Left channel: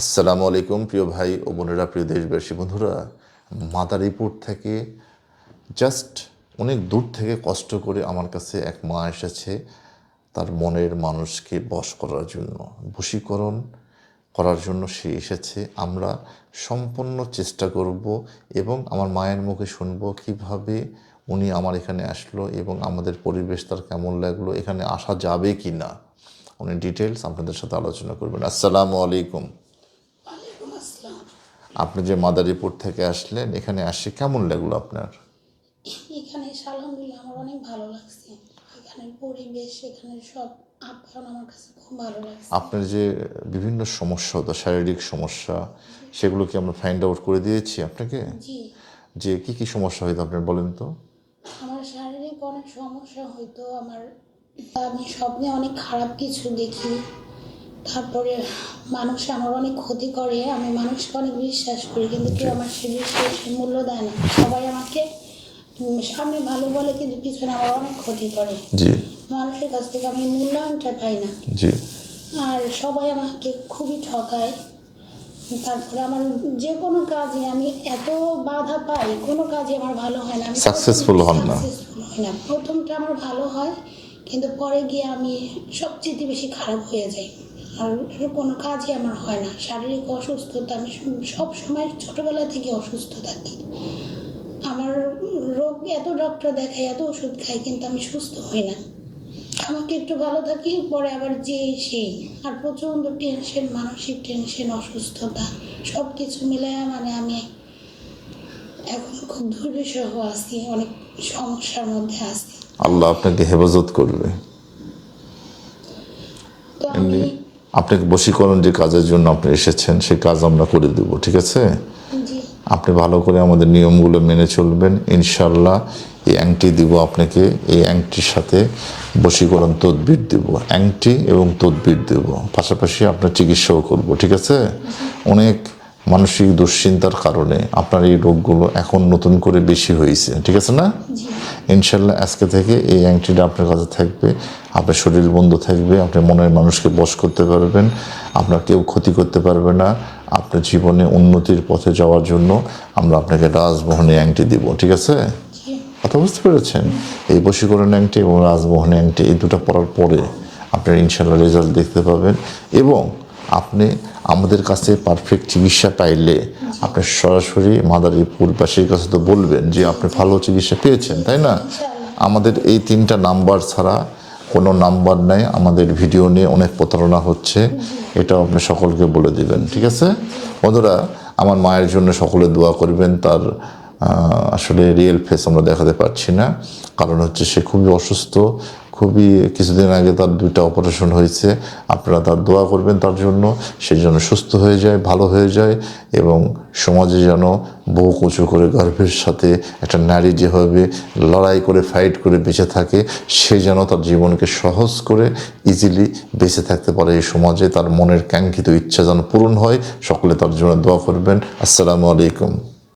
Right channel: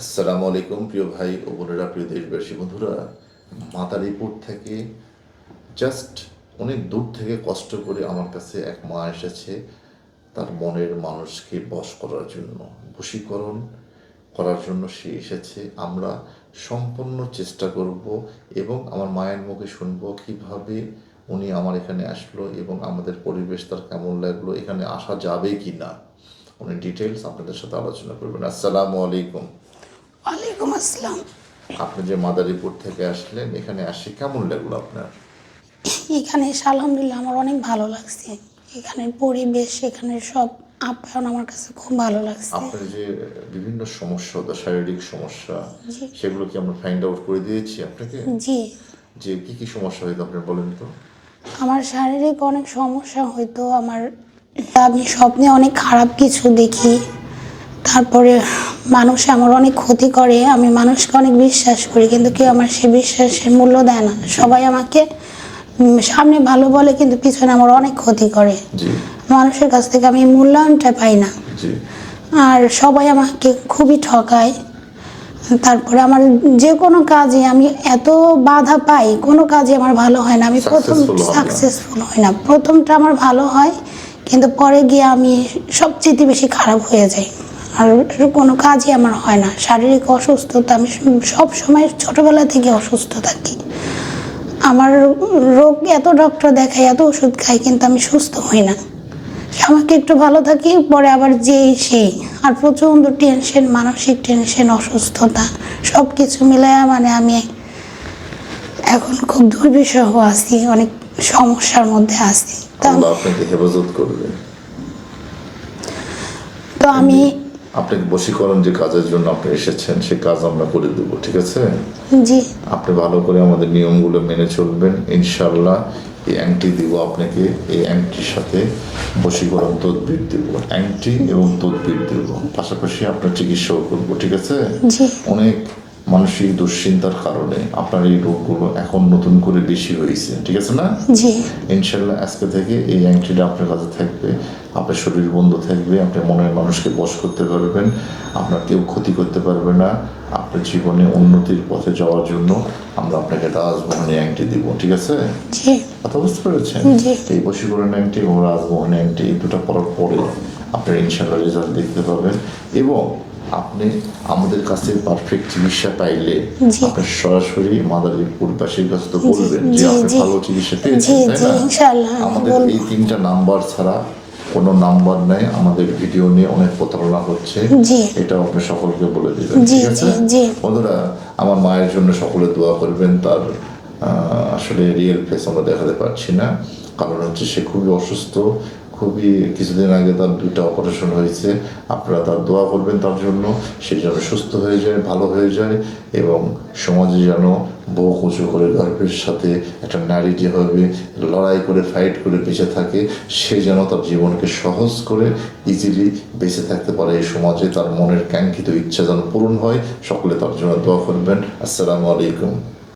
আসসালামু আলাইকুম, প্রিয় ভাই ও বোনেরা, প্রিয় দেশবাসী, বন্ধুরা। মাদারীপুর থেকে জাস্ট অনেক দূর থেকে কষ্ট করে আমার কাছে এক মা এসেছে তার মনের মানুষকে বশ করার জন্য, বশীকরণ করার জন্য সে এসেছে। আমরা সম্পূর্ণ চেষ্টা করব এবং আমার মায়ের মুখে শুনব কীভাবে উনি আমার এখানে আসলো এবং আমাদের পরিবেশ তার কেমন লাগল, এখানে আসা যাবে কি না উনি ডিটেলস আপনাদের সাথে আলোচনা করবেন। আসসালামু আলাইকুম। আসসালাম আপনি যে মাদারীপুর থেকে আসলেন এখানে আসে কেমন লাগল আপনার? এখানে এসে আলহামদুলিল্লাহ আমার অনেক ভালো লাগছে। এখানের পরিবেশ এখানের সব আপ্যায়ন আমার কাছে খুব ভালো লাগছে। আপনার যে বিভিন্ন সমস্যা হতো শারীরিক সমস্যা সেগুলো কি আমরা ফাইন্ড আউট করে দিয়েছি আপনাকে? জি। যে কি কি সমস্যা হয়তো আপনি বলেন তো। আমার শারীরিক অনেক সমস্যা হয়তো আমার আমি স্বপ্নে অনেক খারাপ কিছু দেখি। তারপরে মানুষ আমার অনেক ক্ষতি করে আমি মানুষকে অনেক বিশ্বাস করি কিন্তু কেউ আমার সে বিশ্বাসের মূল্য দেয় না। সবাই আমাকে সামনে ভালো বলে কিন্তু পিছনে আমার অনেক ক্ষতি করে। মানুষের কাছ থেকে আমি মূল্যায়নটা পাই না। আর সবাই আমাকে খুবই ঠকায়। তারপরে আমার যে কোনো কাজে আমি এত বাধা পাই কোনো কাজে আমার ভালো হয় না। আমি প্রথম। সাকসেসফুল হই না। প্রথমটা আমার ভালো হয় কিন্তু পরে গিয়ে আমি সবচেয়ে বেশি খারাপ হয়ে যাই। আর কোনো কাজই আমার হয় না। শারীরিক অসুস্থতা আমি সব সময় ছোটবেলা থেকে অসুস্থ থাকি। আমার রোগ এত ডক্টর দেখাই এত ওষুধ খাই কিন্তু আমি সুস্থ হই না। আমাকে একটু ভালো থাকি পরে আবার যেই সেই। আর প্রচণ্ড টেনশন মানসিক টেনশন অসুস্থতা সব কিছু মিলায় মানে আমি এখন খুব দুর্বিষহ আছি অনেক সমস্যার মধ্যে আছি। তো আল্লাহ আপনাকে হেফাজত করবে। তো আমি আপনাকে বশীকরণ যে কাজের জন্য আপনি এসেছেন সেই কাজ আমরা করে দেবো ঠিক আছে? জি। আপনি ভালো করে আমাদের নিয়মগুলো মেনে চলবেন। ইনশাল্লাহ এই অ্যাংটি দিব আপনাকে এই অ্যাংটির সাথে বশীকরণ তদবির দেব অ্যাংটি এবং তদবির দেব। পাশাপাশি আপনার চিকিৎসাও করব ঠিক আছে? অনেক মানসিক দুশ্চিন্তার কারণে আপনার এই রোগগুলো এখন নতুন করে বেশি হয়েছে। ঠিক আছে না? ইনশাল্লাহ আজকে থেকে এই অ্যাংটিটা আপনার কাছে থাকবে। আপনার শরীর বন্ধ থাকবে আপনি মনের মানুষকে বশ করতে পারবেন আপনার কেউ ক্ষতি করতে পারবে না। আপনার জীবনে উন্নতির পথে যাওয়ার জন্য আমরা আপনাকে রাজমোহনে অ্যাংটি দিব ঠিক আছে? কথা বুঝতে পেরেছেন? এই বশীকরণ অ্যাংটি এবং রাজমোহন অ্যাংটি এই দুটো পড়ার পরে আপনার ইনশাল্লাহ রেজাল্ট দেখতে পাবেন এবং আপনি আমাদের কাছে পারফেক্ট চিকিৎসা পাইলে। আপনি সরাসরি মাদারীপুরবাসীর কাছে তো বলবেন যে আপনি ভালো চিকিৎসা পেয়েছেন তাই না আমাদের এই তিনটা নাম্বার ছাড়া কোনো নাম্বার নাই আমাদের ভিডিও নিয়ে অনেক প্রতারণা হচ্ছে জি। এটাও আপনি সকলকে বলে দিবেন ঠিক আছে। বন্ধুরা আমার মায়ের জন্য সকলে দোয়া করবেন তার আসলে রিয়েল ফেস আমরা দেখাতে পারছি না কারণ হচ্ছে সে খুবই অসুস্থ খুবই কিছুদিন আগে তার দুইটা অপারেশন হয়েছে। আপনারা তার দোয়া করবেন তার জন্য। সে যেন সুস্থ হয়ে যায়, ভালো হয়ে যায় এবং সমাজে যেন বহু কুচু করে গর্ভের সাথে একটা নারী যেভাবে লড়াই করে ফাইট করে বেঁচে থাকে, সে যেন তার জীবনকে সহজ করে ইজিলি বেঁচে থাকতে পারে। এই সমাজে তার মনের কাঙ্ক্ষিত ইচ্ছা যেন পূরণ হয়। সকলে তার জন্য দোয়া করবেন। আসসালামু আলাইকুম।